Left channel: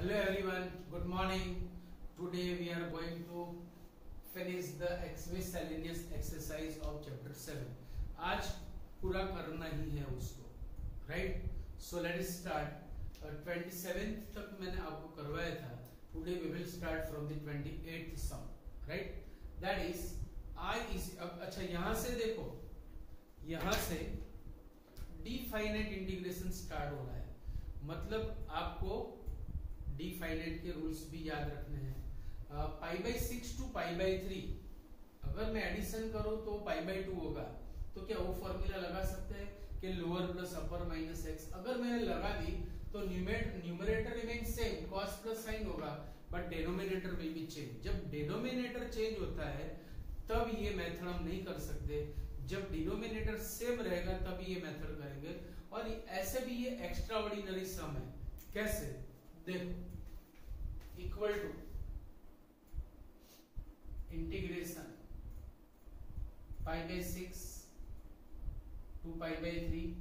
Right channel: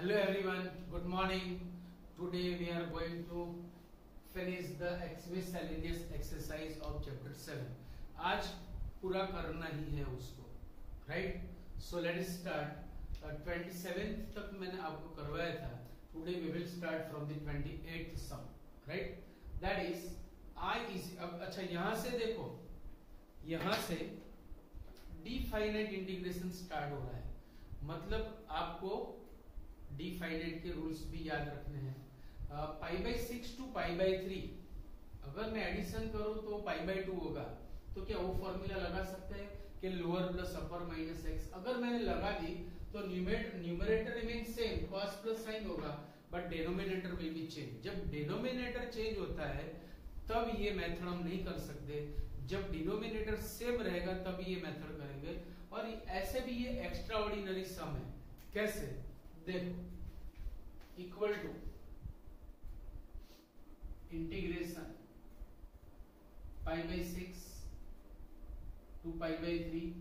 Hello everyone, good morning. Today we are going to finish the miscellaneous exercise of chapter 7. आज पूरा करना ही है उसको, right? So let us start. 27th तक मैंने आपको करवाया था. Today we will start from the 28th sum, right? That is I is अब अच्छा यहां से देखो, यहां से डिफाइनाइट इंटीग्रेशन स्टार्ट हो रहा है. मतलब आपको डिफाइनाइट के रूल्स भी याद रखने हैं. Pi by 6 to pi by 3 अगर मैं एडिशन करूं तो पाई बाई 2 होगा. तो क्या वो फॉर्मूला लगा सकते हैं कि lower plus upper minus x. अगर मैंने लगा दी तो numerator remain same, cos plus sine होगा, but denominator will be change. जब डिनोमिनेटर चेंज होता है तब ये मेथड हम नहीं कर सकते. जब डिनोमिनेटर सेम रहेगा तब ये मेथड करेंगे. और ऐसे भी ये एक्स्ट्रा ऑर्डिनरी सम है. कैसे देखो, equal to integration pi by 6 to pi by 3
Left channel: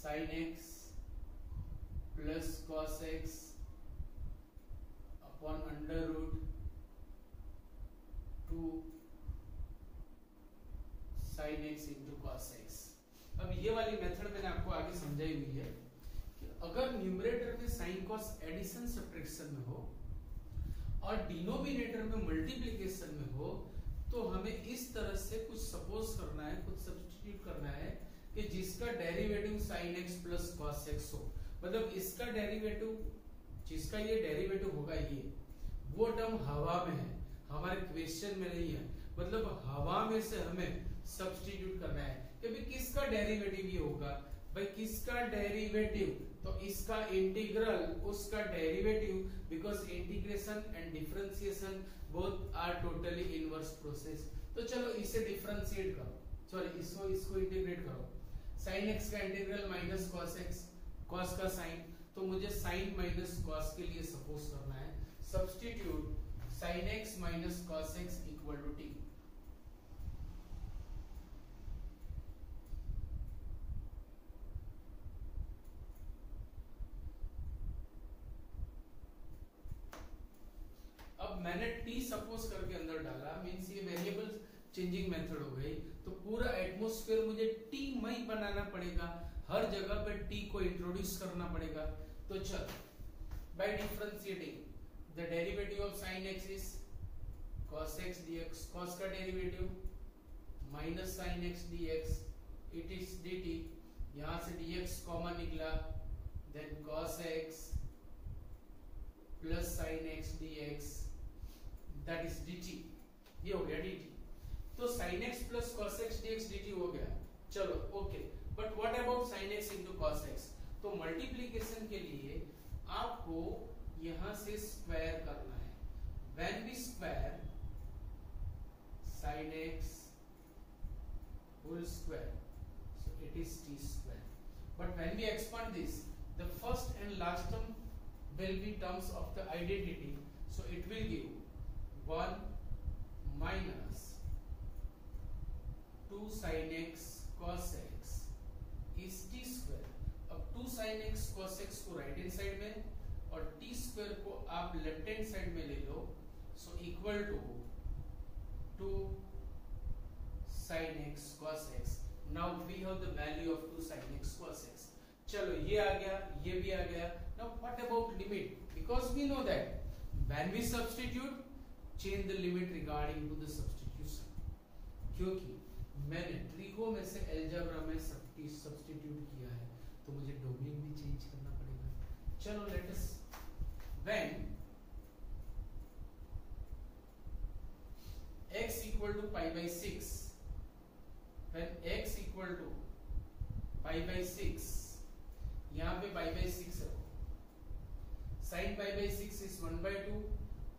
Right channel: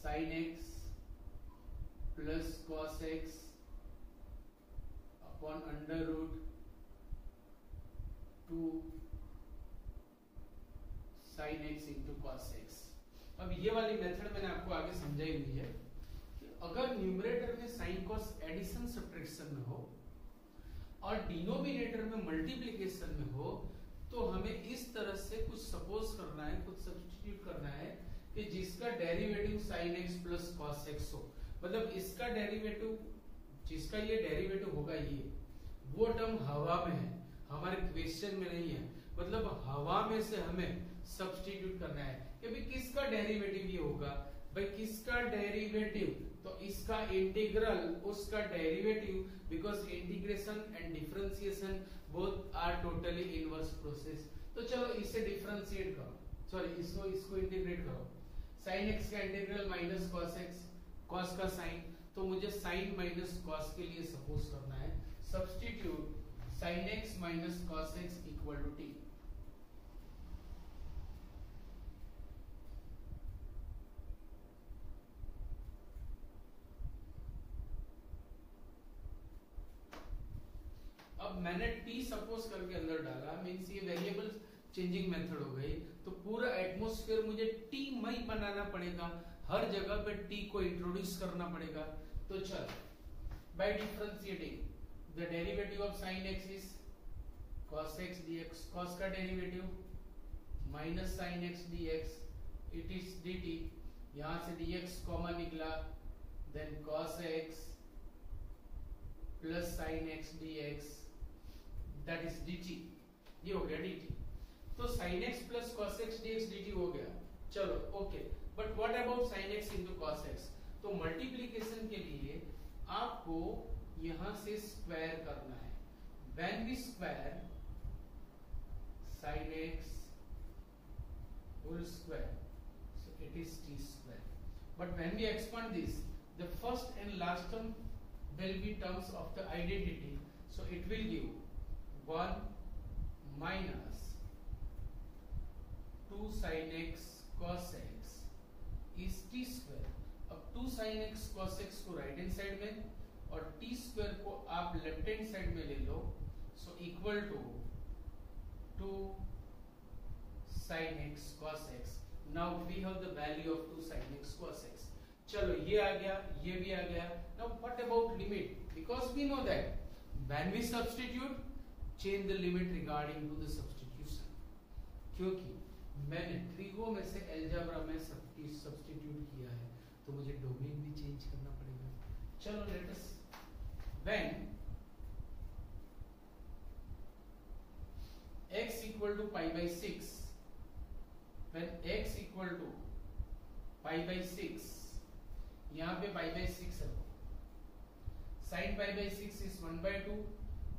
sine x plus cos x upon under root 2 sine x into cos x. अब ये वाली मेथड मैंने आपको आगे समझाई हुई है कि अगर न्यूमरेटर में साइन कॉस एडिशन सब्ट्रैक्शन में हो और डिनोमिनेटर में मल्टीप्लिकेशन में हो तो हमें इस तरह से कुछ सपोज करना है, कुछ सब्स्टिट्यूट करना है कि जिसका derivative sign x plus cos x हो. मतलब इसका डेरिवेटिव, जिसका ये डेरिवेटिव होगा, ये वो टर्म हवा में है, हमारे क्वेश्चन में नहीं है. मतलब हवा में से हमें सब्स्टिट्यूट करना है कि भाई किसका डेरिवेटिव ये होगा. भाई किसका डेरिवेटिव, तो इसका इंटीग्रल उसका derivative, because integration and differentiation both are totally inverse process. तो चलो इसे डिफरेंशिएट करो, सॉरी इसको इंटीग्रेट करो. साइन एक्स का integral minus cos x, cos का साइन, तो मुझे साइन माइनस कॉस के लिए सपोज करना है. Substitute sine x minus cos x equal to t. अब मैंने टी सपोज करके अंदर डाला, मींस ये वेरिएबल चेंजिंग मेथड हो गई. तो पूरा एटमॉस्फेयर मुझे टी मई बनाना पड़ेगा, हर जगह पे टी को इंट्रोड्यूस करना पड़ेगा. तो चल, by differentiating the derivative of sine x is cos x dx, cos का derivative minus sine x dx, it is dt. यहां से dx कॉमन निकला, then cos x plus sine x dx, that is dt. ये हो गया dt. तो sin x plus cos x dx dt हो गया. चलो okay, but what about sin x into cos x. तो मल्टीप्लीकेशन के लिए आपको यहां से स्क्वायर करना है. When we square sin x whole square, so it is t square. But when we expand this, the first and last term will be terms of the identity, so it will give 1 minus 2 sin x cos x is t square. अब 2 sin x cos x को right hand side में और t square को आप left hand side में ले लो, so equal to 2 sin x cos x. Now we have the value of 2 sin x cos x. चलो ये आ गया, ये भी आ गया. Now what about limit? Because we know that when we substitute, change the limit regarding to the substitution. क्योंकि मैंने trigo में से अलजेब्रा में सब्स्टिट्यूट किया है तो मुझे डोमेन भी चेंज करना पड़ेगा. चलो let us, when x equal to pi by 6, when x equal to pi by 6, यहां पे pi by 6 है, sin pi by 6 is 1 by 2,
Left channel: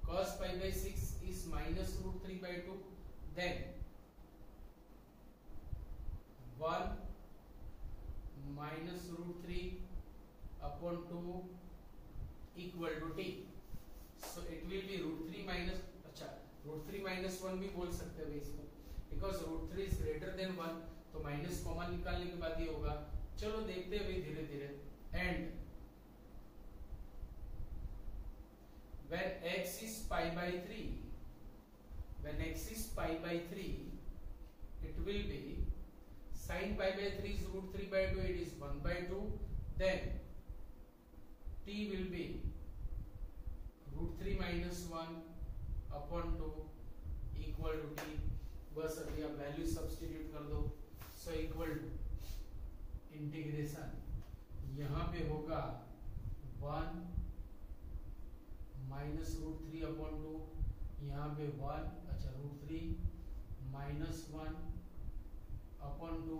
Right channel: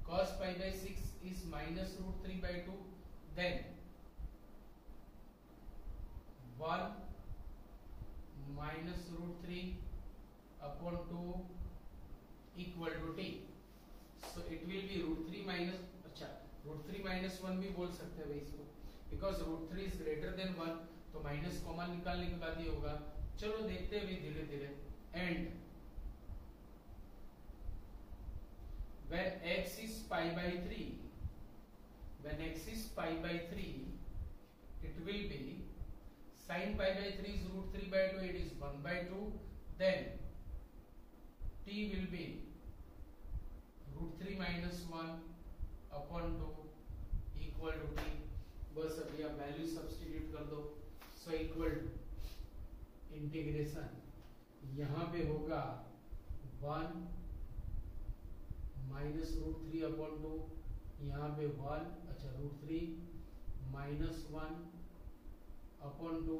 cos pi by 6 is minus root 3 by 2, then 1 minus root 3 upon 2 equal to t. So it will be root 3 minus, अच्छा root 3 minus 1 भी बोल सकते हैं इसको, because root 3 is greater than 1, तो minus common निकालने के बाद ये होगा. चलो देखते हैं धीरे धीरे. And when x is pi by 3, when x is pi by 3, it will be sin pi by 3 is root 3 by 2, it is 1 by 2, then t will be root 3 minus 1 upon 2 equal to t। बस अभी आप value substitute कर दो, so equal to integration यहाँ पे होगा 1 minus root 3 upon 2, यहाँ पे 1, अच्छा root 3 minus 1 upon 2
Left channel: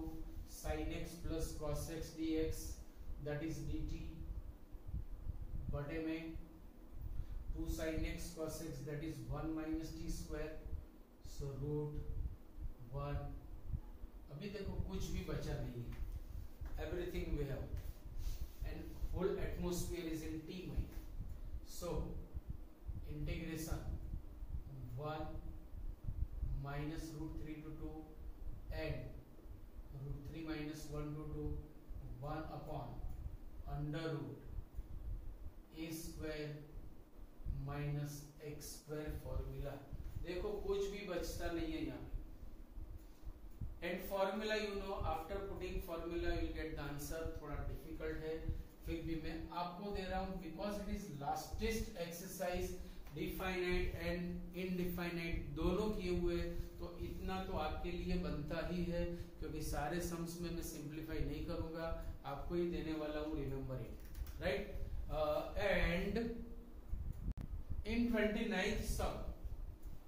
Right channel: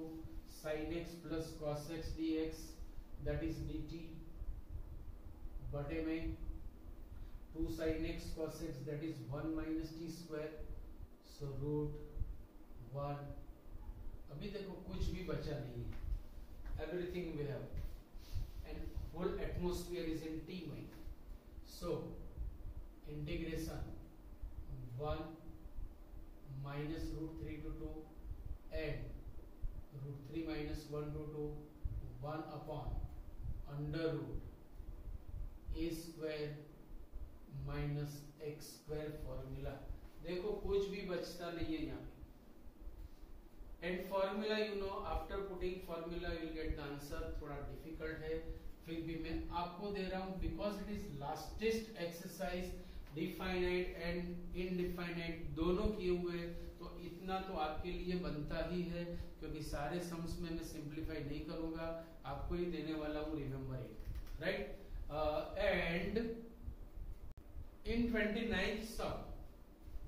sin x plus cos x dx that is dt बटे में 2 sin x cos x that is 1 minus t square, so root 1। अभी देखो कुछ भी बचा नहीं है, everything we have and whole atmosphere is in t में, so integration 1 minus root 3 to 2 and root 3 minus 1 to 2 1 upon under root a square minus x square formula. देखो कुछ भी बचता नहीं है यहाँ पे, and formula you know, after putting formula you will get the answer. थोड़ा डिफिकल्ट है, फिर भी मैं आपको दे रहा हूँ because it is lastest exercise, definite and indefinite दोनों किए हुए, तो इतना तो आपके लिए बनता ही है, क्योंकि सारे सम्स में मैं सिंप्लीफाई नहीं करूंगा, आपको ही देने वाला हूँ, remember it, right. And in 29th sum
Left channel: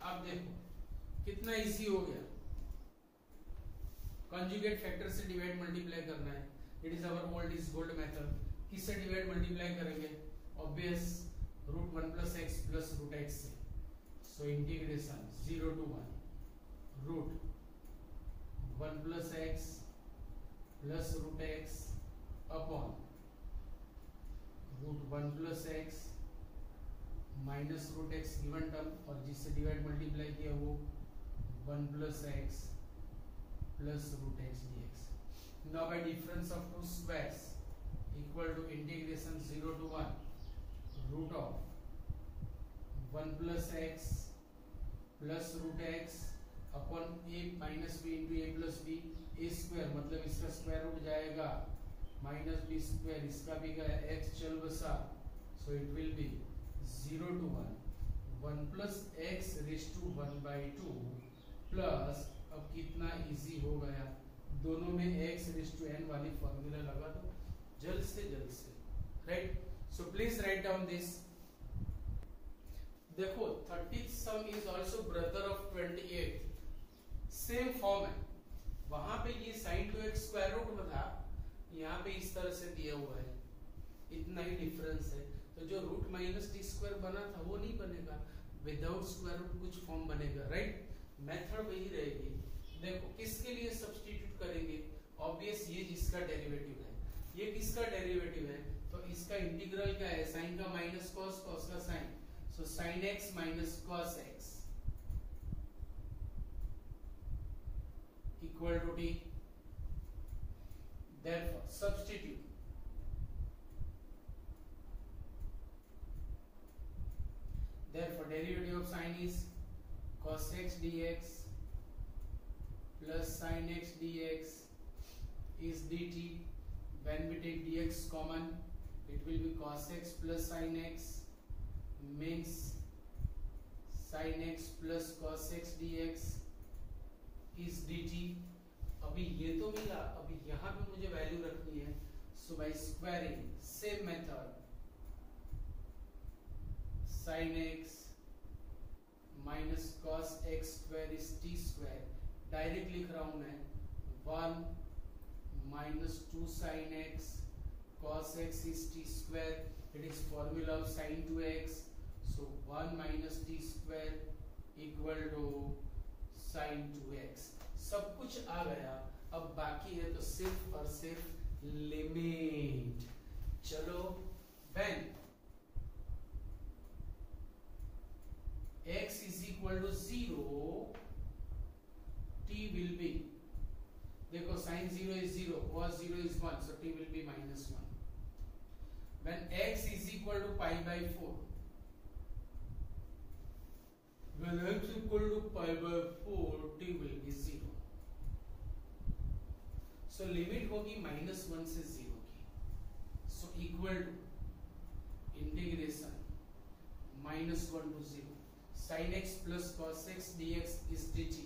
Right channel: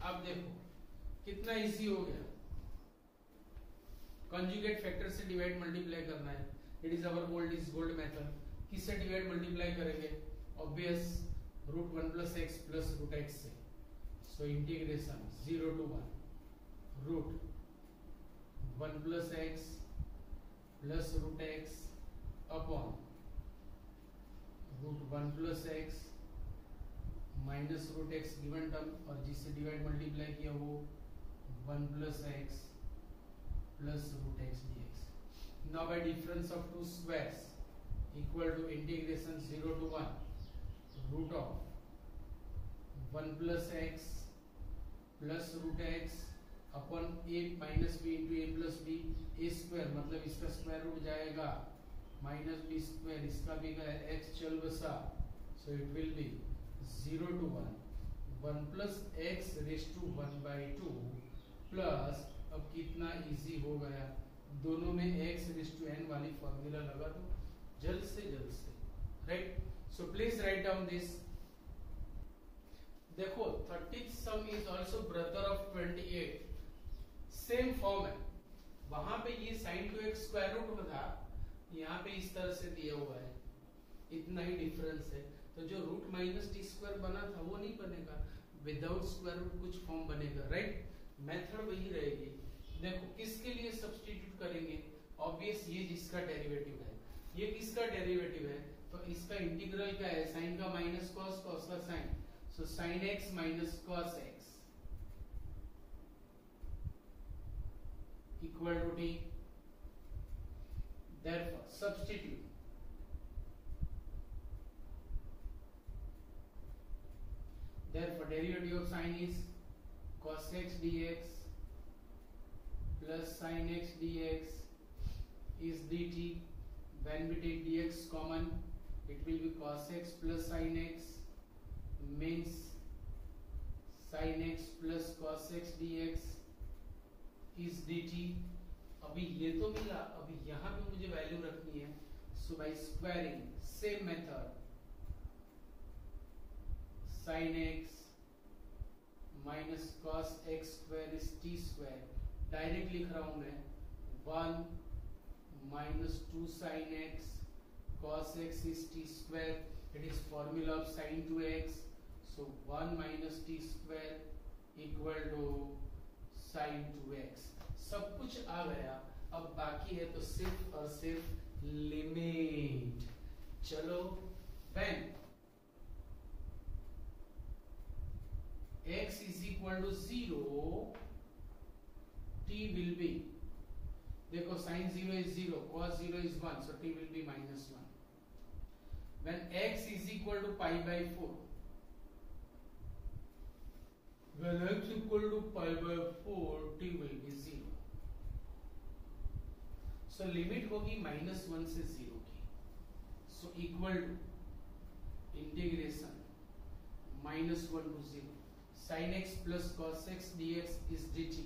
आप देखो कितना इजी हो गया, कंजुगेट फैक्टर से डिवाइड मल्टीप्लाई करना है, it is our old is gold method. किससे डिवाइड मल्टीप्लाई करेंगे, obvious root 1 plus x plus root x से, so integration 0 to 1 root 1 plus x plus root x upon root 1 plus x minus root x given term, और जिससे divide multiply किया वो 1 plus x plus root x dx। Now by difference of two squares equal to integration 0 to 1 root of 1 plus x plus root x upon a minus b into a plus b, a square मतलब इसका square root जाएगा minus b square, इसका भी गया x चल बसा, so it will be 0 to 1 1 plus x raise to 1 by 2 plus, अब कितना इजी हो गया, दोनों में x रेज टू n वाली फॉर्मूला लगा दो जल्द से, right. So please write down this. देखो 30th some is also brother of 28, same form है, वहां पे ये sin 2x स्क्वायर रूट था, यहाँ पे इस तरह से दिया हुआ है, इतना ही डिफरेंस है। तो जो रूट माइनस टी स्क्वायर बना था वो नहीं बनेगा, विदाउट स्क्वायर रूट कुछ फॉर्म बनेगा, राइट। मेथड वही रहेगी। देखो किसके लिए सब्स्टिट्यूट करेंगे, ऑब्वियस ये जिसका डेरिवेटिव है, ये किसका डेरिवेटिव है, तो इसका इंटीग्रल क्या है, साइन का माइनस कॉस, कॉस का sine, so sine x minus cos x equal to t. Therefore, substitute therefore derivative of sin is cos x dx plus sin x dx is dt. When we take dx common, it will be cos x plus sin x, means sin x plus cos x dx is dt. अभी ये तो मिला, अभी यहाँ पे मुझे value रखनी है, so by squaring same method, sin x minus cos x square is t square, direct लिख रहा हूं मैं 1 minus 2 sin x cos x is t square, it is formula of sin 2x, so 1 minus t square equal to sin 2x। सब कुछ आ गया, अब बाकी है तो सिर्फ और सिर्फ लिमिट। चलो when x is equal to 0, t will be, देखो sin 0 is 0, cos 0 is 1, so t will be minus 1। When x is equal to pi by 4, when x equal to pi by 4 t will be 0. So limit होगी -1 से 0 की. So equal to integration -1 to 0 sin x plus cos x dx is dt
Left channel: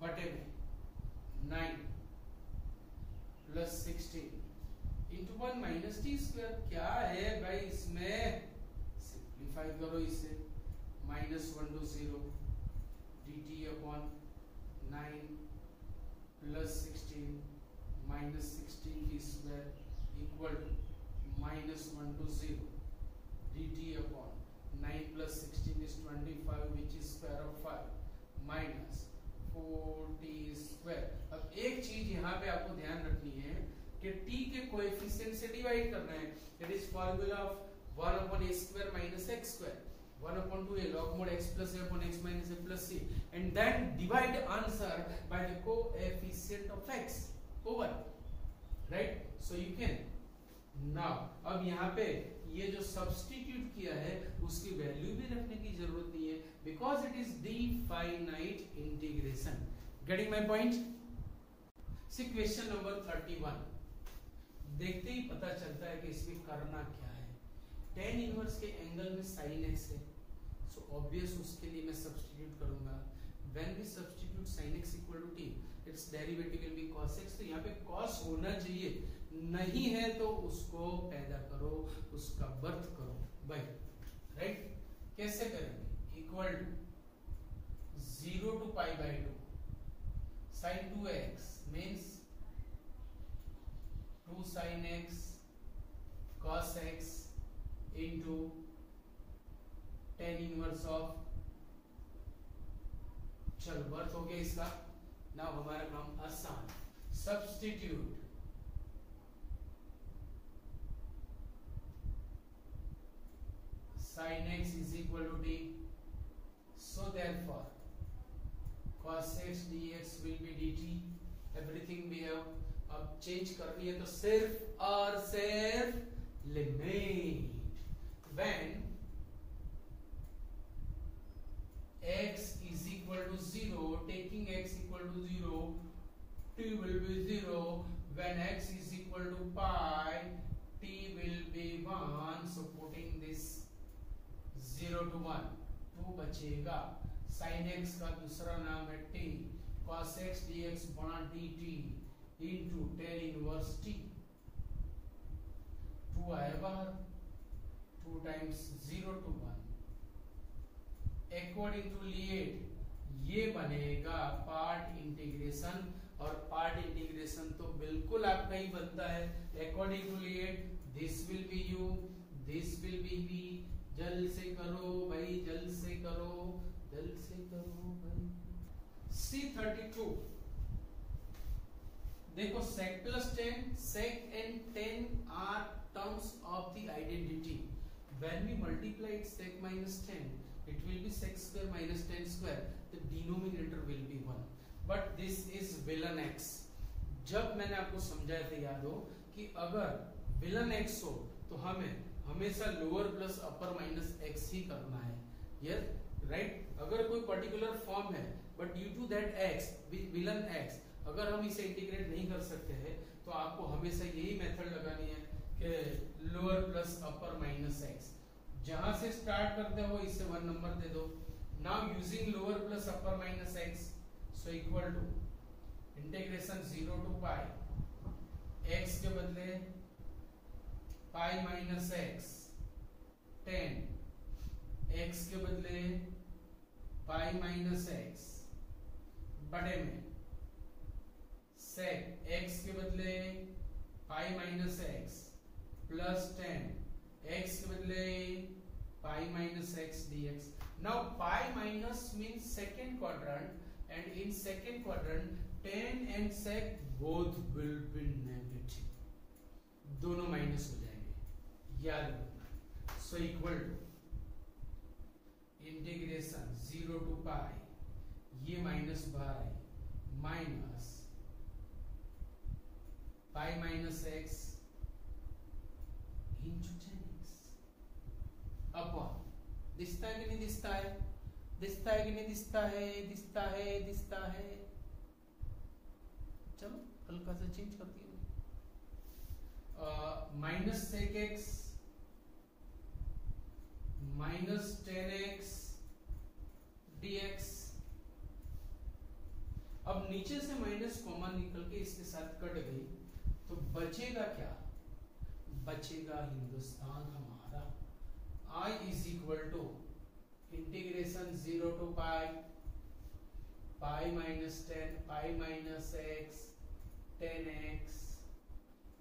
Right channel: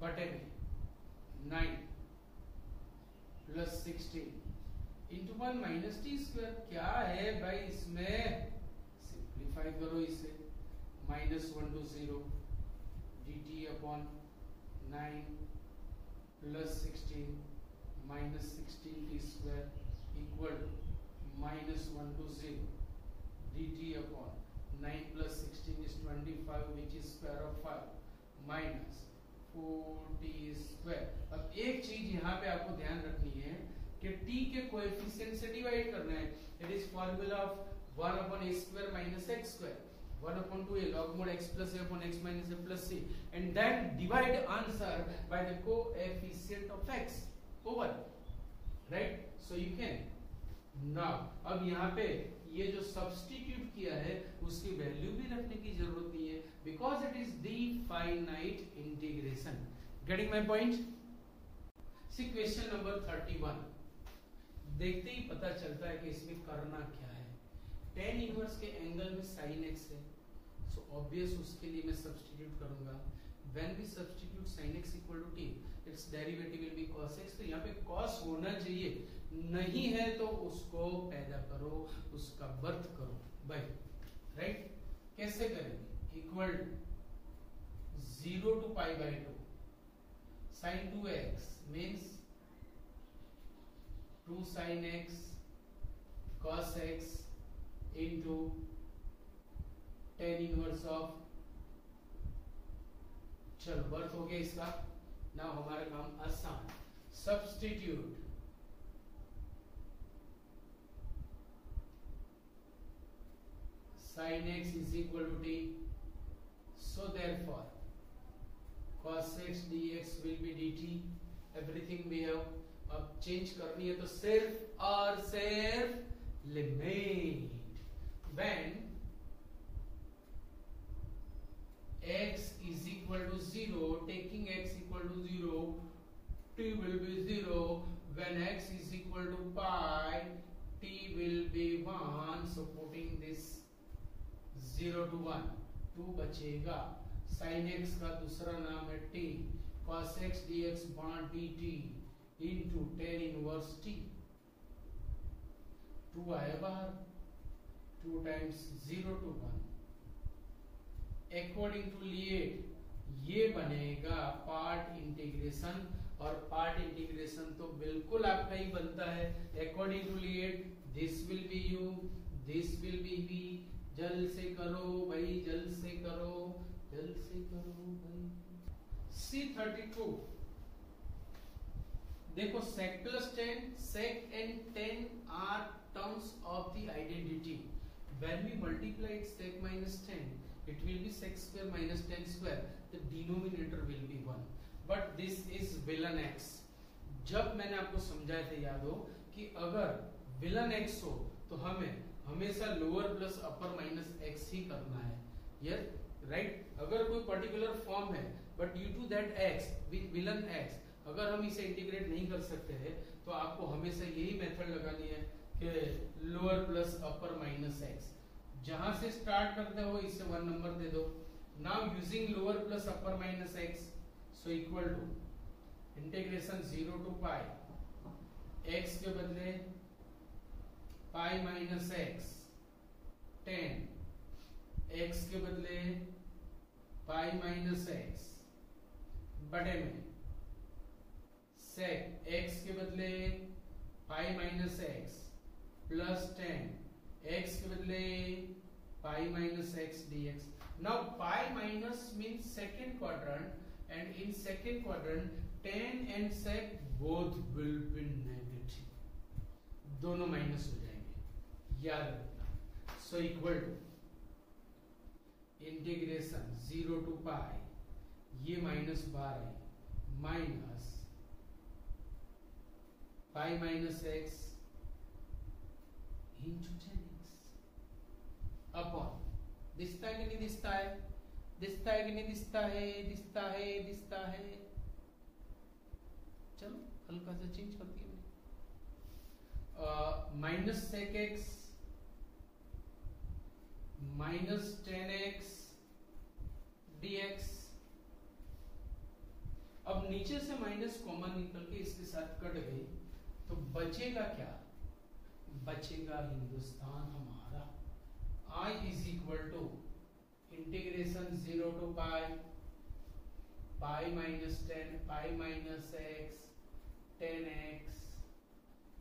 बटे में 9 plus 16 into 1 minus t square. क्या है भाई इसमें, simplify करो इसे, -1 to 0 dt upon 9 plus 16 minus 16 t square equal to -1 to 0 dt upon 9 plus 16 is 25 which is square of 5 minus 4t square. अब एक चीज यहाँ पे आपको ध्यान रखनी है कि t के कोएफिशिएंट से डिवाइड करना है. That is formula of 1 upon a square minus x square 1 upon 2a log mod x plus a upon x minus a plus c and then divide answer by the coefficient of x over, right? So you can now, अब यहाँ पे ये जो substitute किया है उसकी value भी रखने की जरूरत नहीं है because it is definite integration. Getting my point? See question number 31. देखते ही पता चलता है कि इसमें करना क्या है. tan इनवर्स के एंगल में sin x है, सो ऑब्वियस उसके लिए मैं सब्स्टिट्यूट करूंगा. When we substitute sin x equal to t, it's derivative will be cos x. तो यहाँ पे cos होना चाहिए, नहीं है तो उसको पैदा करो, उसका बर्थ करो भाई, राइट? कैसे करेंगे? Equal to 0 to pi by 2 sin 2x means 2 sin x cos x into tan inverse of, चलो बर्थ हो गया इसका. ना हमारा काम आसान. Substitute sin x is equal to t, so therefore cos x dx will be dt. everything we have. अब change करनी है तो सिर्फ और सिर्फ limit when x is equal to 0, taking x equal to 0, t will be 0. when x is equal to pi, t will be 1. so putting this 0 to 1, 2 बचेगा. sin x का दूसरा नाम है t, cos x dx बना dt into tan inverse t. 2 आया बाहर, 2 times 0 to 1. According to LIATE ये बनेगा पार्ट इंटीग्रेशन, और पार्ट इंटीग्रेशन तो बिल्कुल आपका ही बनता है. According to LIATE this will be u, this will be v. जल्द से करो भाई, जल्द से करो, जल्द से करो भाई. C32 देखो, sec plus tan, sec and tan are terms of the identity. When we multiply it sec minus tan, it will be sec square minus tan square. The denominator will be 1. But this is villain x. जब मैंने आपको समझाया था, याद हो कि अगर villain x हो तो हमें हमेशा lower plus upper minus x ही करना है. ये राइट? अगर कोई पर्टिकुलर फॉर्म है but due to that x within x, अगर हम इसे इंटीग्रेट नहीं कर सकते हैं तो आपको हमेशा यही मेथड लगानी है कि lower plus upper minus x. जहां से स्टार्ट करते हो इसे 1 नंबर दे दो. Now using lower plus upper minus x, so equal to integration 0 to pi, x के बदले pi minus x, tan x के बदले पाई माइनस x बड़े में sec x के बदले pi minus x plus tan x के बदले pi minus x dx. Now pi minus means second quadrant, and in second quadrant tan and sec both will be negative. दोनों minus हो जाएंगे, याद रखना. So equal to integration 0 to pi, ये minus बार आई, minus pi minus x into tan x upon दिखता है कि नहीं दिखता है? दिखता है कि नहीं दिखता है? दिखता है, दिखता है। चलो हल्का सा चेंज करती हूँ, minus sec x minus 10x dx। अब नीचे से माइनस कॉमन निकल के इसके साथ कट गई, तो बचेगा क्या? बचेगा हिंदुस्तान हमारा। I is equal to integration 0 to pi minus 10 pi minus x 10x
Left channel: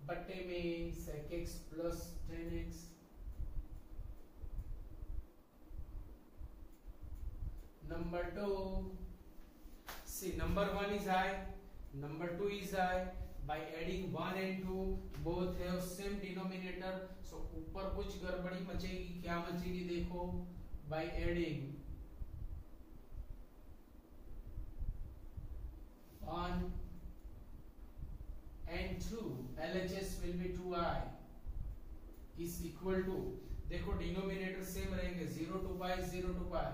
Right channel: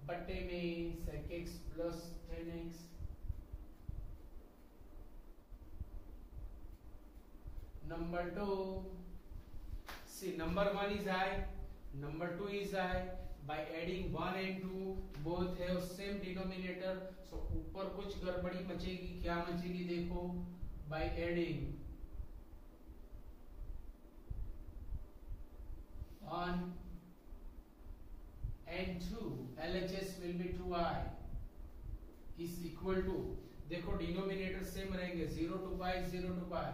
बटे में sec x plus 10x। Number 2, see number 1 is I, number 2 is I. By adding 1 and 2, both have same denominator. So ऊपर कुछ गड़बड़ी मचेगी, क्या मचेगी देखो। By adding 1 and 2, LHS will be 2I is equal to, देखो denominator same रहेंगे, 0 to pi 0 to pi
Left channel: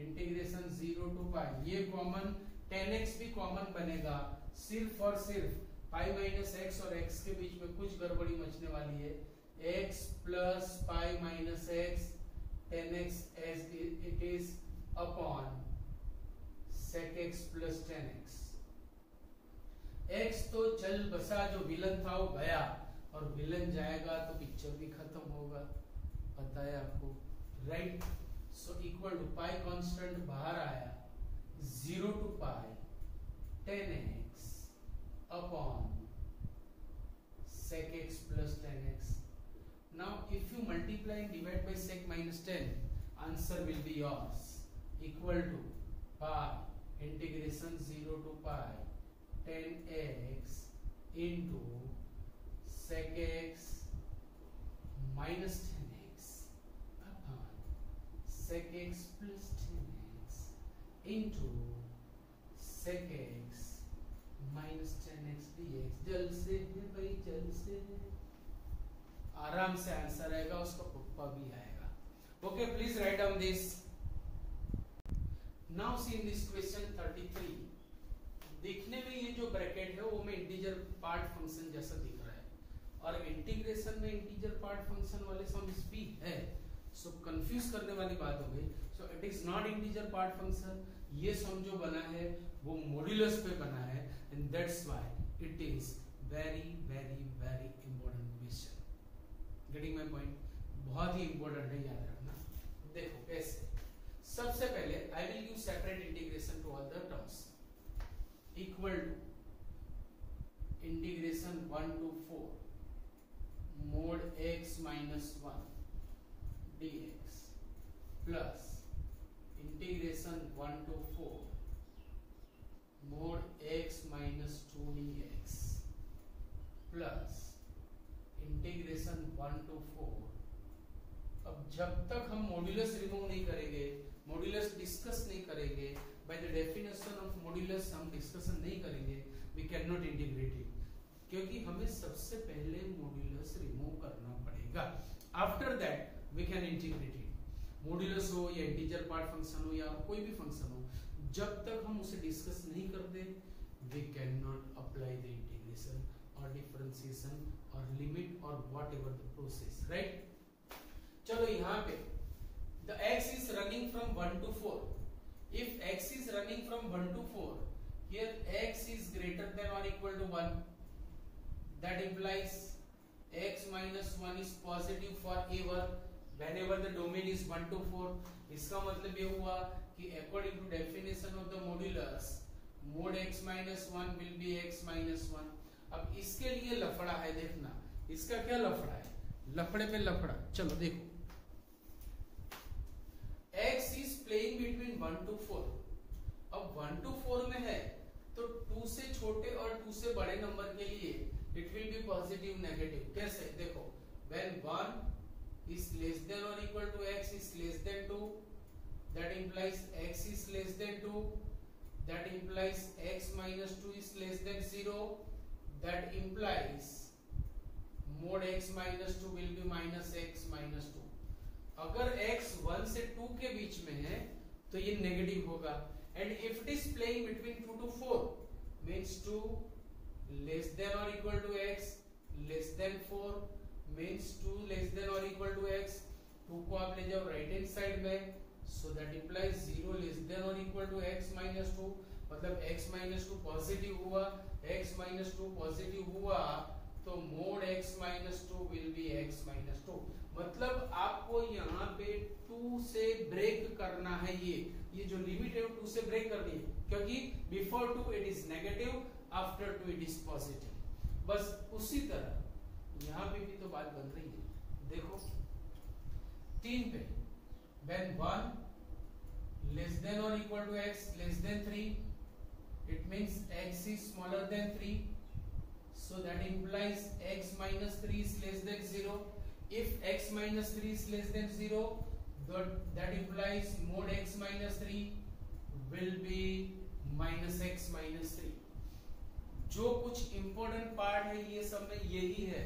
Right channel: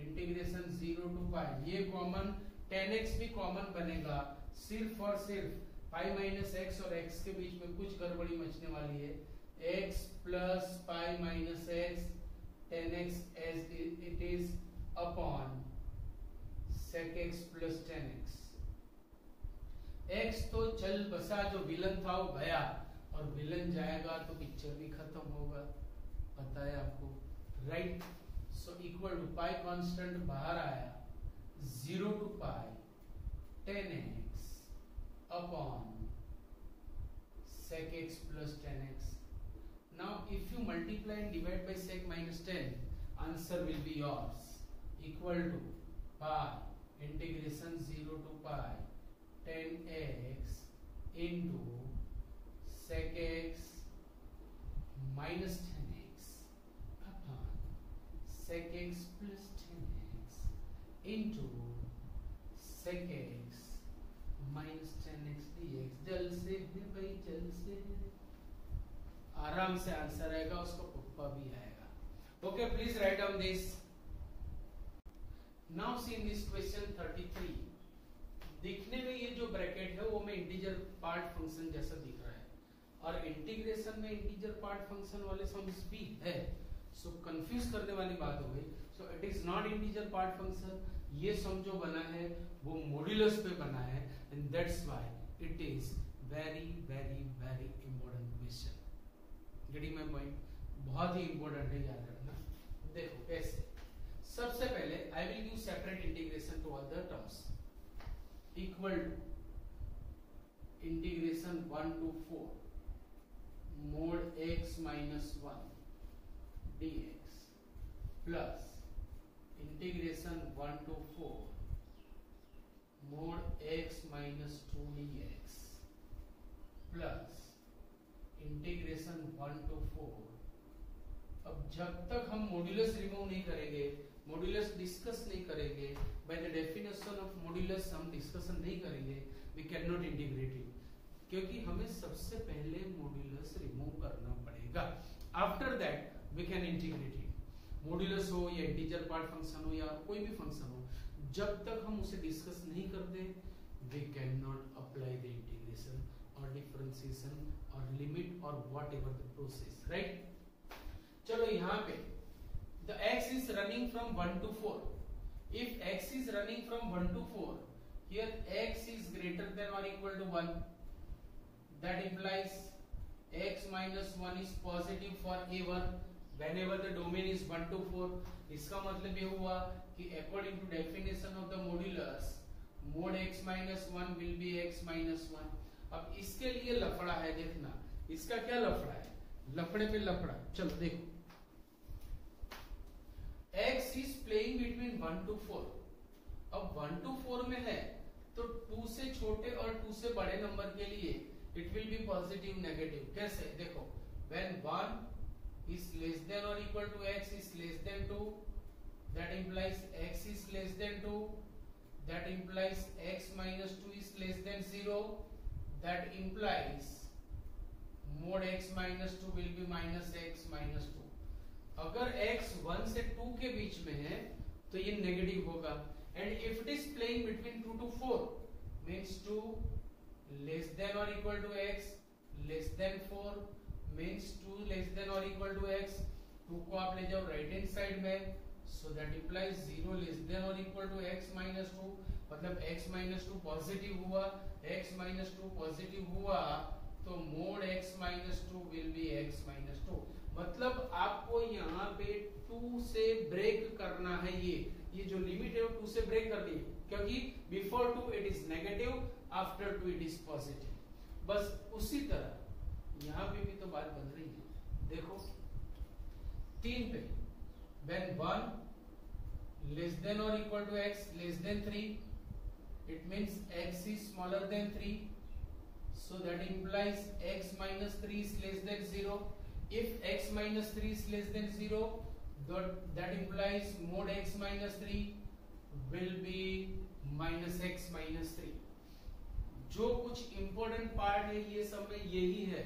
integration 0 to pi, ये common 10x भी common बनेगा, सिर्फ और सिर्फ पाई माइनस एक्स और x के बीच में कुछ गड़बड़ी मचने वाली है। x plus pi minus x 10x as it is upon sec x plus 10x। x तो चल बसा, जो विलन था वो गया, और विलन जाएगा तो पिक्चर भी खत्म होगा, पता है आपको, right. So equal to pi constant बाहर आया, 0 to pi 10x upon sec x plus 10x। Now if you multiply and divide by sec minus 10, answer will be yours, equal to pi integration 0 to pi 10x into sec x minus 10x upon sec x plus 10x into sec x minus 10x dx। जल्द से है भाई, जल्द से है, आराम से answer आएगा, उसका पप्पा भी आएगा। Okay, please write down this. Now see in this question 33, दिखने में ये जो ब्रैकेट है वो में इंटीजर पार्ट फंक्शन जैसा दिख रहा है, और इंटीग्रेशन में इंटीजर पार्ट फंक्शन वाले सम्स भी है, सो कंफ्यूज करने वाली बात हो गई। सो it is not integer part function, ये सम जो बना है वो मॉड्यूलस पे बना है, and that's why it is very very very important question. Getting my point? बहुत ही इंपॉर्टेंट है, याद रखना। देखो कैसे, सबसे पहले I will use separate integration to all the terms, equal to integration 1 to 4 mod x minus 1 dx plus integration 1 to 4 mod x minus 2 dx plus integration 1 to 4। अब जब तक हम मॉड्यूलस रिमूव नहीं करेंगे, मॉड्यूलस डिस्कस नहीं करेंगे, by the definition of modulus हम discussion नहीं करेंगे, we can not integrate it, क्योंकि हमें सबसे पहले मॉड्यूलस रिमूव करना पड़ेगा, after that we can integrate it. Modulus हो या इंटीजर पार्ट फंक्शन हो या कोई भी फंक्शन हो, जब तक हम उसे डिस्कस नहीं करते, we can not apply the integration और डिफरेंशिएशन और लिमिट और व्हाटएवर द प्रोसेस, राइट। चलो यहाँ पे the x is running from 1 to 4, if x is running from 1 to 4, here x is greater than or equal to 1, that implies x minus 1 is positive for a1 whenever the domain is 1 to 4। इसका मतलब ये हुआ कि according to definition of the modulus, mod x minus 1 will be x minus 1। अब इसके लिए लफड़ा है, देखना इसका क्या लफड़ा है, लफड़े पे लफड़ा। चलो देखो, x is playing between 1 to 4, अब 1 to 4 में है तो 2 से छोटे और 2 से बड़े नंबर के लिए it will be positive negative। कैसे देखो, when 1 is less than or equal to x is less than 2, that implies x is less than 2, that implies x minus 2 is less than 0, that implies mod x minus 2 will be minus x minus 2। अगर x 1 से 2 के बीच में है तो ये negative होगा, and if it is playing between 2 to 4 means 2 less than और equal to x less than 4 means 2 less than और इक्वल टू x। 2 को आप ले जाओ राइट हैंड साइड में, so that implies 0 less than और इक्वल टू x माइनस 2, मतलब x minus 2 positive हुआ, x माइनस 2 पॉजिटिव हुआ तो mode x minus 2 will be x minus 2। मतलब आपको यहाँ पे 2 से ब्रेक करना है, ये जो लिमिट है वो 2 से ब्रेक करनी है, क्योंकि before 2 it is negative, after 2 it is positive. बस उसी तरह यहाँ पे भी तो बात बन रही है। देखो 3 पे when 1 less than or equal to x less than 3, it means x is smaller than 3, so that implies x minus 3 is less than 0. If x minus 3 is less than 0, that implies mod x minus 3 will be minus x minus 3. जो कुछ important part है ये सब में यही है,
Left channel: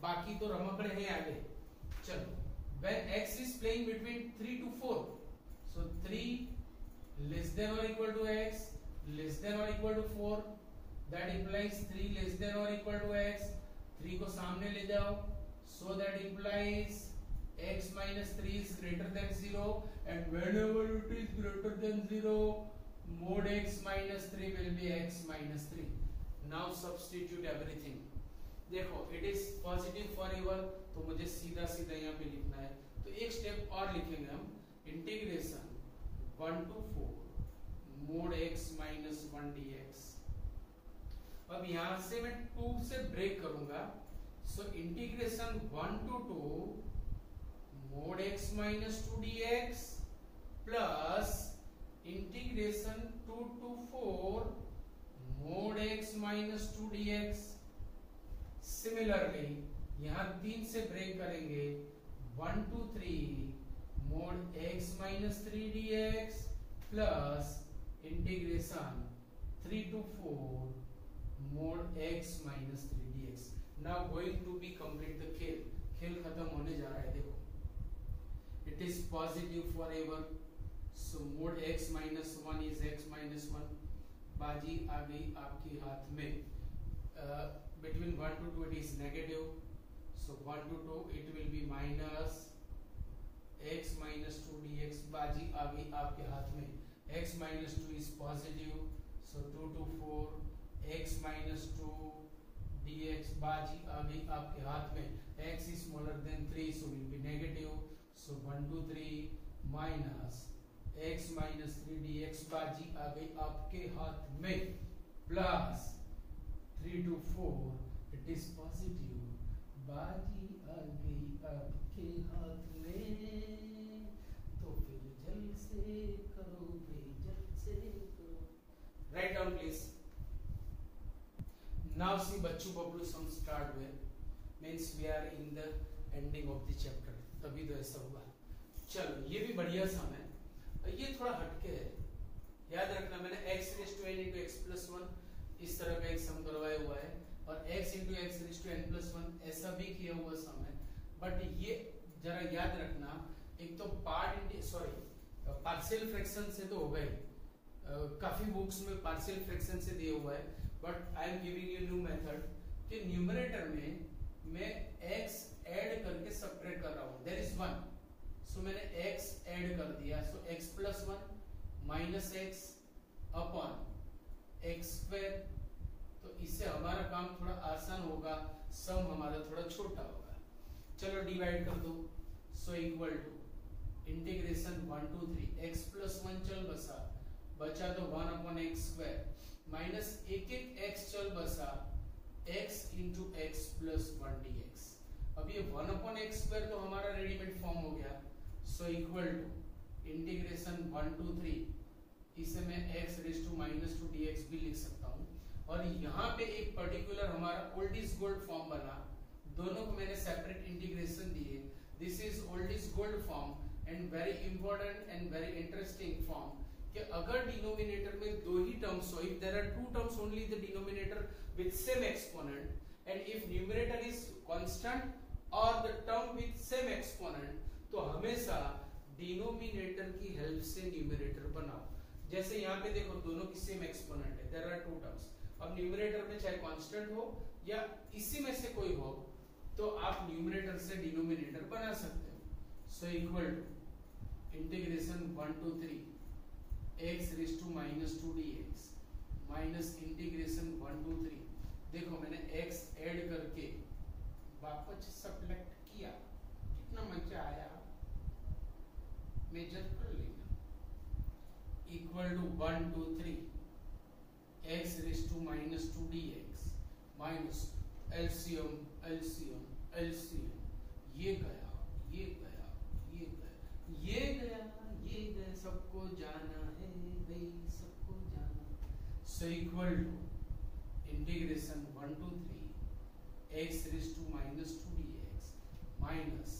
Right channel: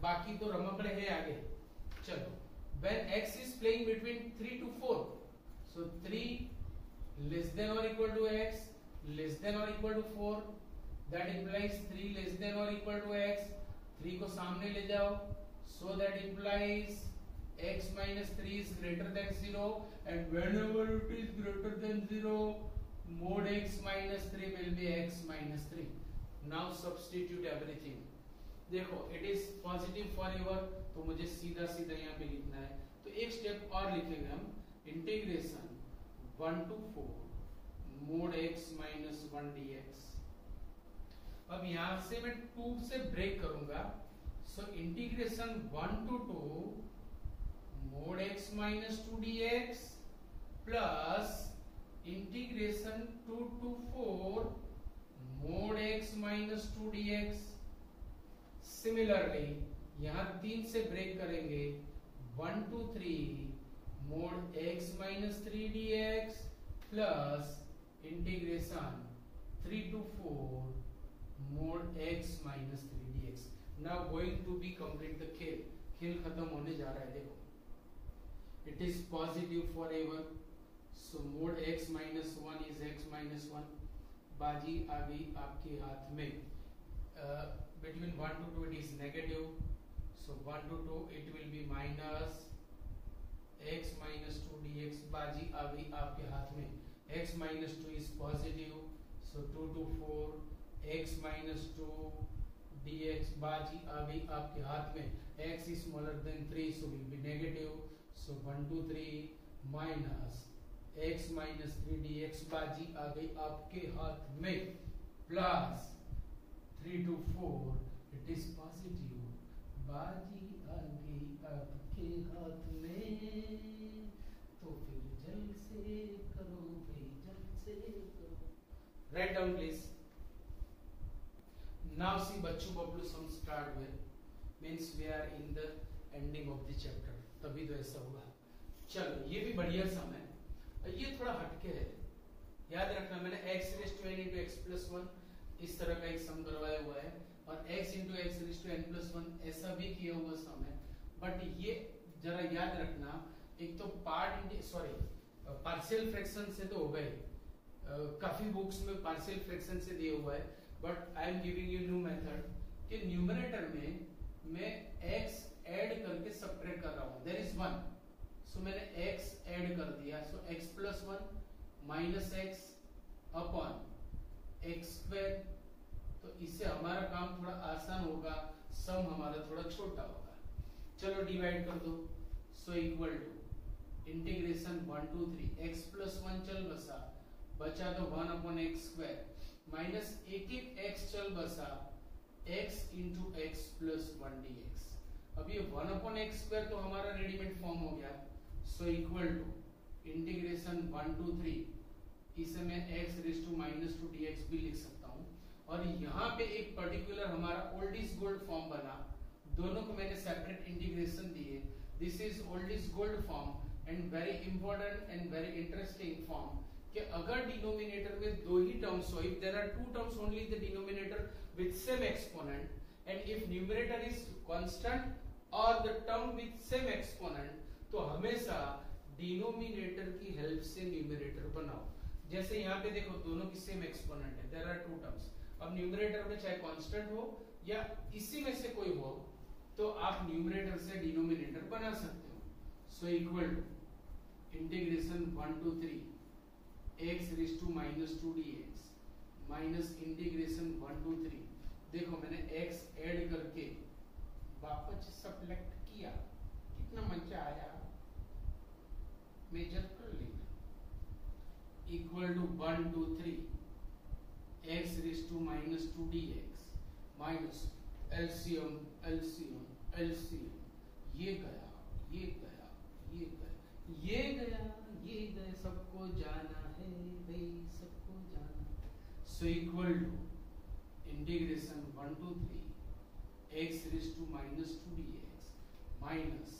बाकी तो रमकड़े हैं आगे। चलो when x is playing between 3 to 4, so 3 less than or equal to x less than or equal to 4, that implies 3 less than or equal to x, 3 को सामने ले जाओ, so that implies x minus 3 is greater than 0, and whenever it is greater than 0 mod x minus 3 will be x minus 3. Now substitute everything. देखो it is positive forever, तो मुझे सीधा सीधा यहाँ पे लिखना है, तो एक स्टेप और लिखेंगे हम, integration 1 to 4 mod x minus 1 dx। अब यहाँ से मैं 2 से ब्रेक करूंगा, सो integration 1 to 2 mod x minus 2 dx plus integration 2 to 4 mod x minus 2 dx। Similarly यहाँ 3 से ब्रेक करेंगे, 1 to 3 mod x minus 3 dx plus integration 3 to 4 mod x minus 3 dx। Now going to be complete the खेल खत्म होने जा रहा है। देखो it is positive forever, so mod x minus 1 is x minus 1, बाजी आ गई आपके हाथ में। Between 1 to 2 it is negative, so 1 to 2 it will be minus x minus 2 dx, बाजी आ गई आपके हाथ में। x minus 2 is positive, so 2 to 4 x minus 2 dx, बाजी आ गई आपके हाथ में। x is smaller than 3, so will be negative, so 1 to 3 minus x minus 3 dx, बाजी आ गई आपके हाथ में, plus 3 to 4 it is positive, बाजी आ गई आपके हाथ में, तो फिर जल्द से करो भाई, जल्द से करो। Write down please. Now see बच्चों Bablu sum start with, means we are in the ending of the chapter, तभी तो ऐसा हुआ। चलो ये भी बढ़िया सम है, ये थोड़ा हटके है, याद रखना मैंने x raised to n into x plus 1 इस तरह का एक सम करवाया हुआ है, और x into x raised to n plus 1 ऐसा भी किया हुआ सम है। बट ये जरा याद रखना, एक तो पार्शियल फ्रैक्शन से तो हो गए, काफी बुक्स में पार्शियल फ्रैक्शन से दिया हुआ है, but I am giving you new method कि न्यूमरेटर में मैं x ऐड करके सब्ट्रैक्ट कर रहा हूँ, देयर इज 1, सो मैंने x ऐड कर दिया, सो x plus 1 minus x upon x square, तो इससे हमारा काम थोड़ा आसान होगा, सम हमारा थोड़ा छोटा होगा। चलो डिवाइड कर दो, so equal to integration 1 to 3 x plus 1 चल बसा, बचा तो 1 upon x square माइनस एक x चल बसा x into x plus 1 dx। अब ये 1 upon x square तो हमारा रेडीमेड फॉर्म हो गया, so equal to integration 1 to 3, इसे मैं x raised to minus 2 dx भी लिख सकता हूँ, और यहाँ पे एक पर्टिकुलर हमारा ओल्ड इज गोल्ड फॉर्म बना, दोनों को मैंने सेपरेट इंटीग्रेशन दिए, this is old is gold form and very important and very interesting form, कि अगर डिनोमिनेटर में दो ही टर्म्स हो, if there are two terms only the denominator with same exponent, and if numerator is constant और the term with same exponent, तो हमेशा डिनोमिनेटर की हेल्प से न्यूमरेटर बनाओ। जैसे यहाँ पे देखो दोनों की सेम एक्सपोनेंट है, देयर आर टू टर्म्स। अब न्यूमरेटर में चाहे कांस्टेंट हो या इसी में से कोई हो तो आप न्यूमरेटर से डिनोमिनेटर बना सकते हो। So equal to integration 1 to 3 x raise to -2 dx minus integration 1 to 3। देखो मैंने x ऐड करके वापस सब्ट्रैक्ट किया, कितना मजा आया, मेजर कर लेना। Equal to 1 to 3 x raise to -2 dx minus LCM LCM LCM, ये गया ये गया ये गया ये गया ये गया, सबको जाना है भाई, सबको जाना। So equal to integration 1 to 3 x raise to -2 dx minus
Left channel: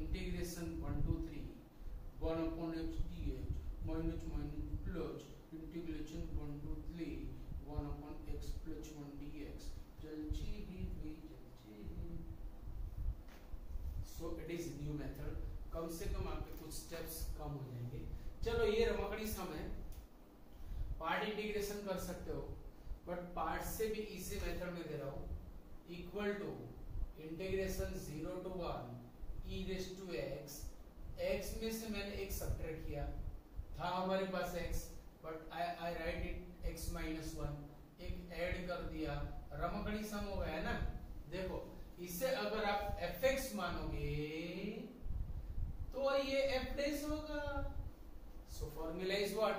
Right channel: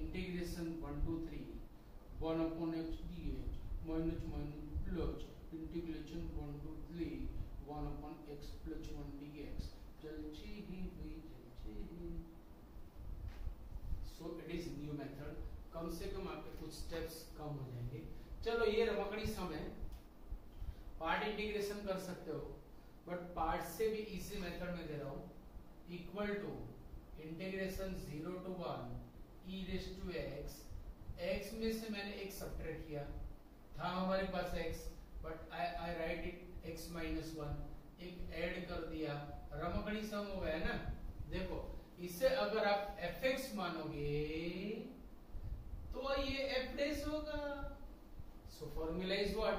integration 1 to 3 1 upon x dx minus minus plus integration 1 to 3 1 upon x plus 1 dx। So it is new method, कम से कम आपके कुछ स्टेप्स कम हो जाएंगे। चलो ये रमकड़ी सम है, पार्ट इंटीग्रेशन कर सकते हो बट पार्ट से भी इसी मेथड में दे रहा हूं। Equal to integration 0 to 1 e raise to x, x में से मैंने एक सब्ट्रैक्ट किया, था हमारे पास x but I right it x -1, एक ऐड कर दिया, रमकड़ी सम हो गया है ना। देखो इसे अगर आप fx मानोगे तो ये f डैश होगा। So formula is what,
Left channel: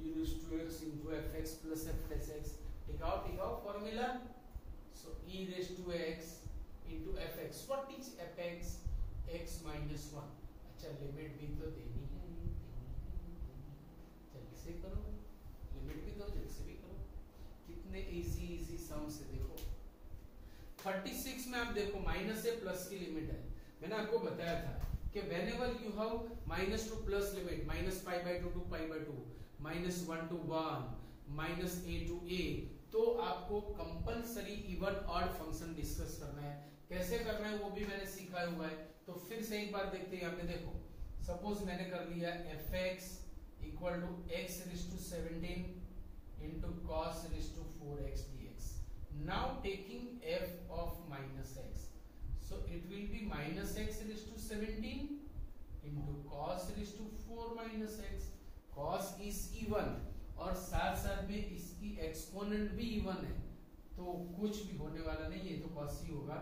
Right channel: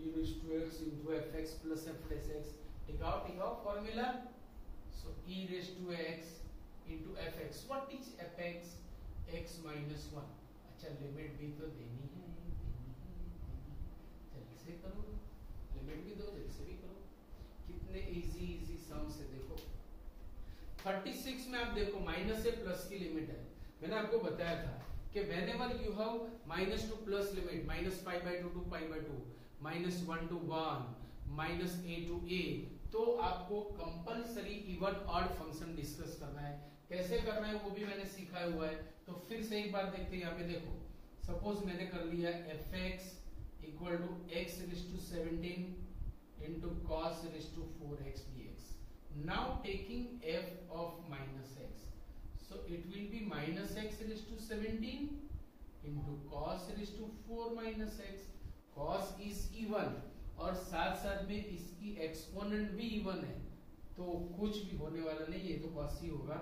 e raise to x into fx plus f dash x। टिकाओ formula. So e raise to x into fx, what is fx, x -1। अच्छा लिमिट भी तो देनी है, जल्दी से करो, लिमिट भी दो, जल्दी से भी करो। कितने इजी सम्स है देखो। 36 में आप देखो माइनस से प्लस की लिमिट है, मैंने आपको बताया था कि whenever you have minus to plus limit -π/2 to π/2 -1 to 1 -a to a, तो आपको compulsory even odd function discuss करना है। कैसे करना है वो भी मैंने सिखाया हुआ है, तो फिर से एक बार देखते हैं। यहाँ पे देखो सपोज मैंने कर लिया fx equal to x raise to 17 into cos raise to 4x dx। Now taking f of minus x, so it will be minus x raised to 17 into cos raised to 4 minus x। cos is even और साथ साथ में इसकी exponent भी even है, तो कुछ भी होने वाला नहीं, ये तो cos ही होगा।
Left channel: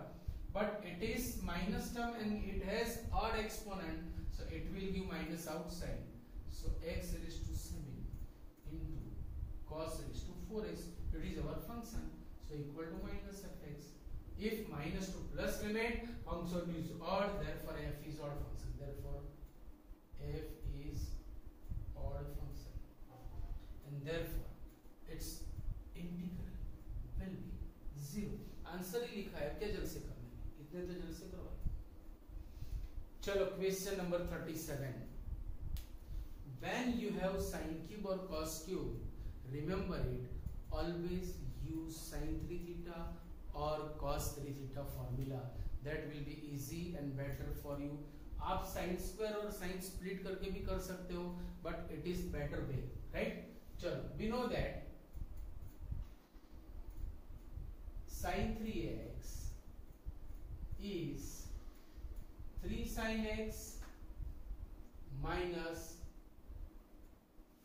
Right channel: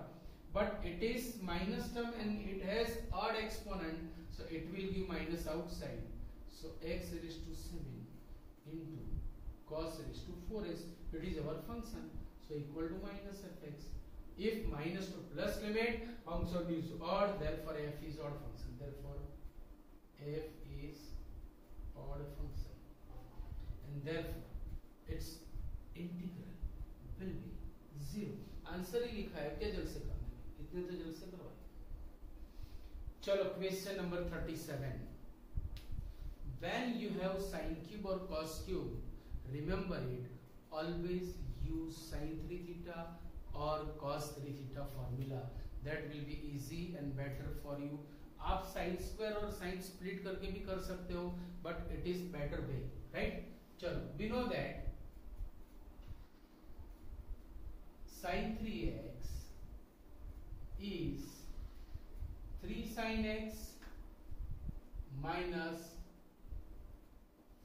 But it is minus term and it has odd exponent, so it will give minus outside. So x raised to 7 into cos raised to 4x, it is our function. So equal to minus fx. If minus to plus limit, function is odd, therefore f is odd function. Therefore f is odd function, and therefore its integral will be 0. Answer ही लिखा है, क्या जल्द से करना है, इतने तो जल्द से करवाए। चलो question number 37। When you have sine cube or cos cube, remember it, always use sin 3 theta or cos 3 theta formula. That will be easy and better for you. आप sin square और sin split करके भी कर सकते हो, but it is better way, right? चलो, we know that sin 3x is 3 sin x minus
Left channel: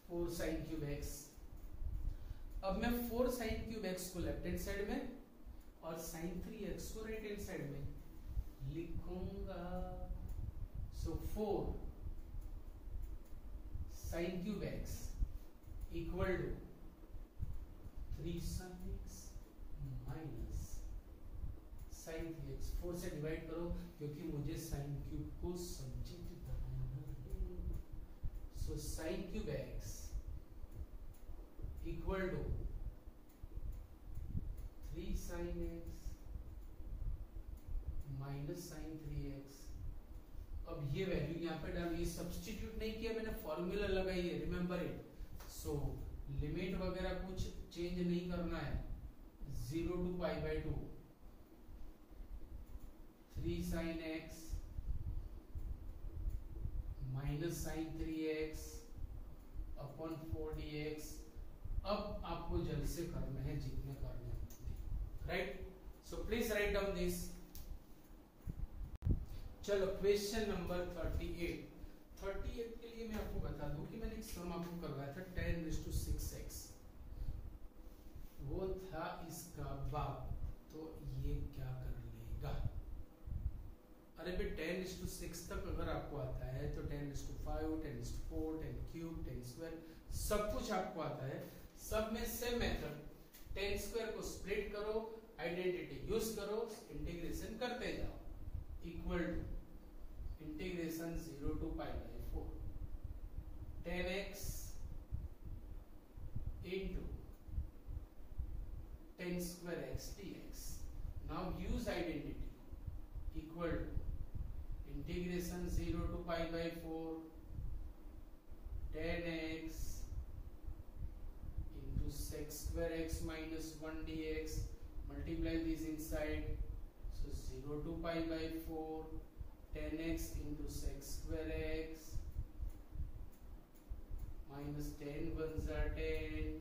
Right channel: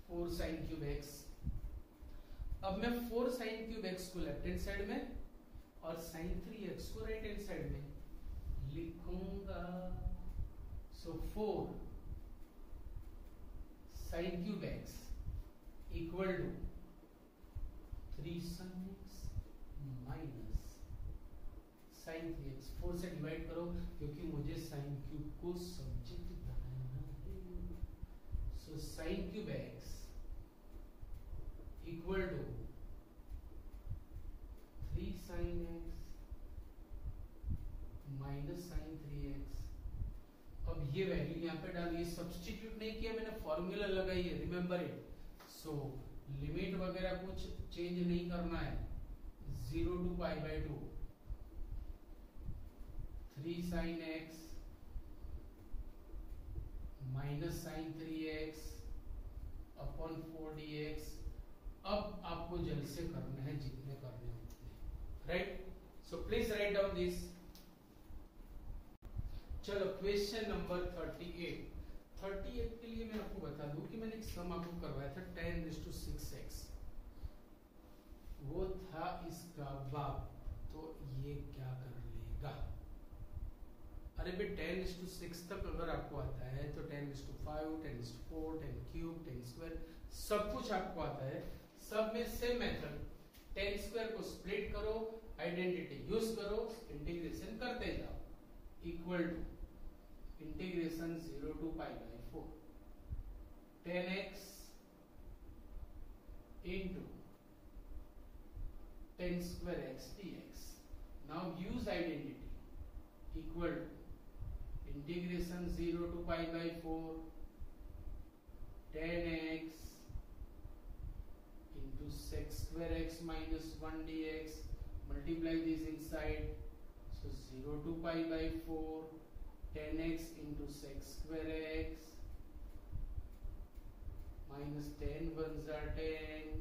4 sin cube x। अब मैं 4 sin cube x को लेफ्ट हैंड साइड में और sin 3x को राइट हैंड साइड में लिखूंगा। So 4 sin cube x equal to 3 sin x minus sin 3x। 4 से divide करो क्योंकि मुझे sin क्यूब को सब्जेक्ट बनाना है। So sin cube x equal to 3 sin x minus sin 3x। अब ये वैल्यू यहाँ पे डालिए, सब्स्टिट्यूट नहीं किया मैंने, फॉर्मूला लगाई है, रिमेंबर इट। सो लिमिट वगैरह कुछ चेंज नहीं करना है, 0 to π/2 3 sin x minus sine 3x upon 4dx। अब आपको जल्द से करना है जितने करने हैं, right? So please write down this. चलो क्वेश्चन नंबर 38 के लिए मैं आपको बता दूं कि मैंने एक सम आपको करवाया था 10⁶x, वो था इसका बाप, तो ये क्या कर लेगा? अरे भाई 10⁶ तक अगर आपको आता है तो 10⁵, 10⁴, 10³ 10² सब कुछ आपको आता है। सब में सेम मेथड, 10² को स्प्लिट करो, आइडेंटिटी यूज करो, इंटीग्रेशन करते जाओ, equal to integration 0 to π/4 10x into 10² x dx। now use identity equal to integration 0 to π/4 10x into sec² x minus 1 dx, multiply this inside, so 0 to π/4 10x into sec² x minus 10 ones are 10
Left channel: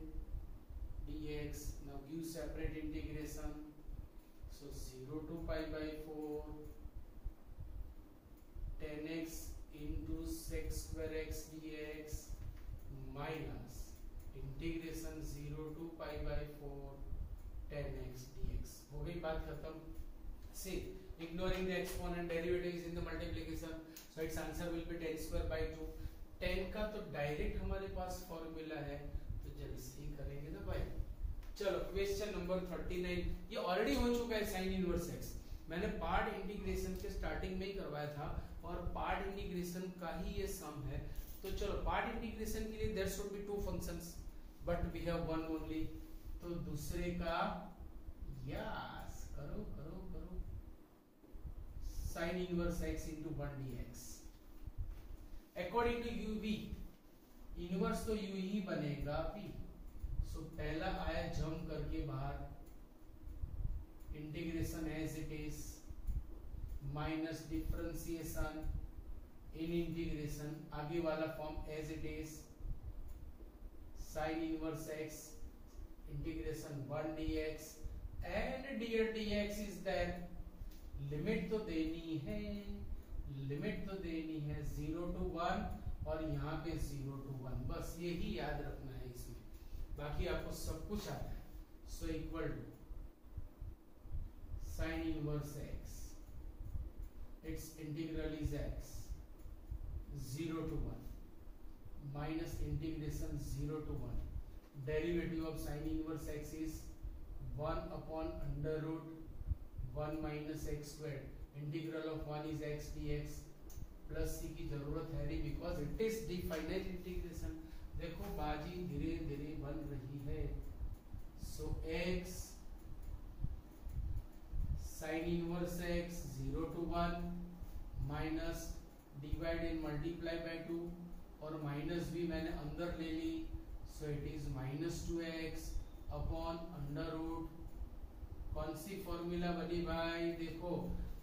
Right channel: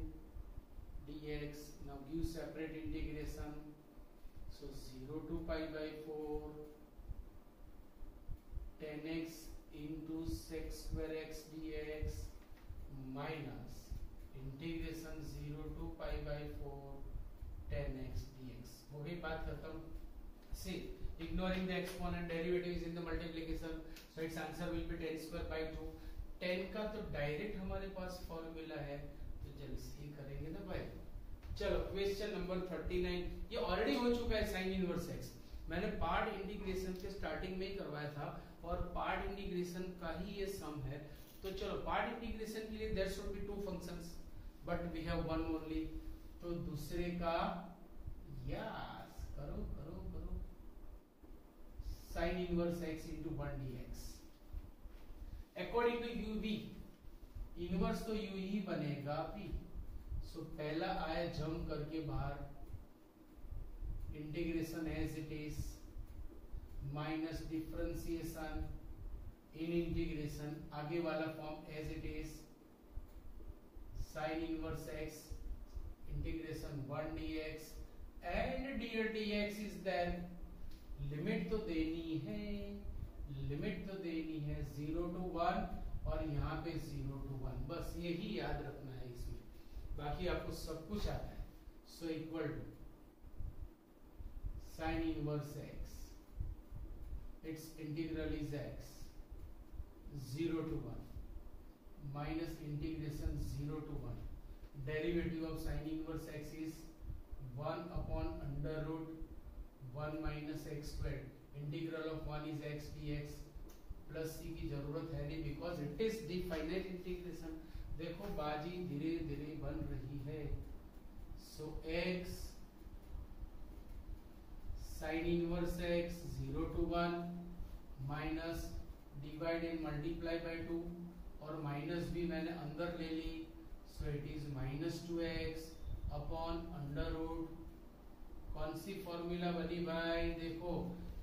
dx। now give separate integration, so 0 to π/4 10x into sec² x dx minus integration 0 to π/4 10x dx। हो गई बात खत्म। See, ignoring the exponent, derivative is in the multiplication, so its answer will be 10²/2। 10 का तो direct हमारे पास formula है, तो जल्दी करेंगे ना भाई। चलो क्वेश्चन नंबर 39, ये ऑलरेडी हो चुका है साइन इनवर्स एक्स, मैंने पार्ट इंटीग्रेशन के स्टार्टिंग में ही करवाया था, और पार्ट इंटीग्रेशन का ही ये सम है। तो चलो पार्ट इंटीग्रेशन के लिए there should be 2 functions, but we have one only, तो दूसरे का यस करो करो करो, sine inverse x into 1 dx according to u v, inverse तो u ही बनेगा p। सो पहला आया जंप करके बाहर, integration as it is minus differentiation in integration, आगे वाला form as it is sine inverse x integration 1 dx and dear dx is there. Limit तो देनी है, लिमिट तो देनी है 0 to 1 और यहाँ पे 0 to 1, बस यही याद रखना है इसमें, बाकी आपको सब कुछ आता है। So equal to sine inverse x, it's integral is x 0 to 1 minus integration 0 to 1, derivative of sine inverse x is 1 upon under root 1 minus x², integral of 1 is x dx, plus c की जरूरत है नहीं because it is the finite integration. देखो बाजी धीरे धीरे बन रही है। So x sine inverse x 0 to 1 minus divide and multiply by 2, और माइनस भी मैंने अंदर ले ली, so it is -2x upon under root, कौन सी फॉर्मूला बनी भाई? देखो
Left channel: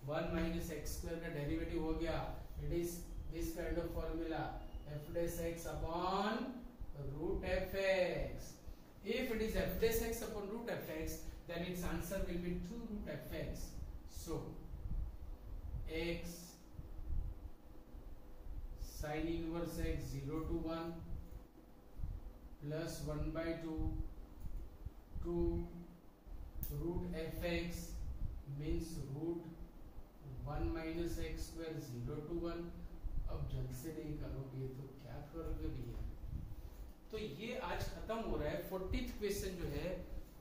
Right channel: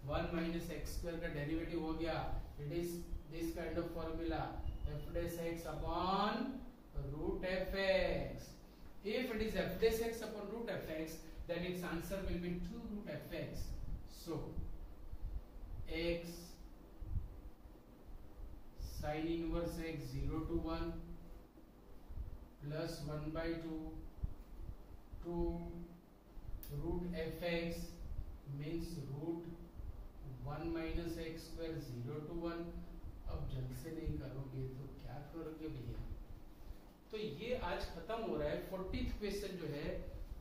1 minus x² का डेरिवेटिव हो गया, it is this kind of formula f' upon root fx। if it is f' upon root fx, then its answer will be 2 root fx। so x sin inverse x 0 to 1 plus 1/2 2 root fx means root 1 minus x² 0 to 1। अब जल्द से नहीं करोगे तो क्या करोगे भैया? तो ये आज खत्म हो रहा है। 40th क्वेश्चन जो है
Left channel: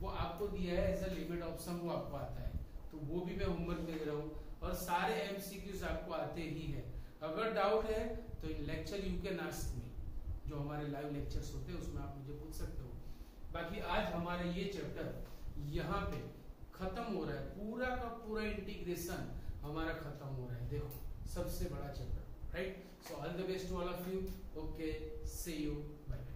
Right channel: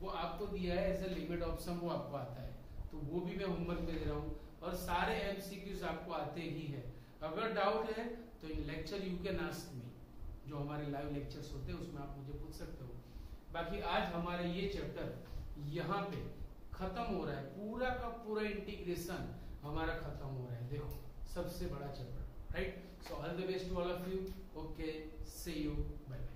वो आपको दिया है as a limit of some, वो आपको आता है, तो वो भी मैं होमवर्क में दे रहा हूँ, और सारे एमसीक्यूज आपको आते ही है। अगर डाउट है तो in lecture you can ask me, जो हमारे लाइव लेक्चर्स होते हैं उसमें आप मुझे पूछ सकते हो। बाकी आज हमारा ये चैप्टर यहाँ पे खत्म हो रहा है, पूरा का पूरा इंटीग्रेशन हमारा खत्म हो रहा है। देखो सबसे बड़ा chapter, right? So all the best to all of you. Okay, see you, bye.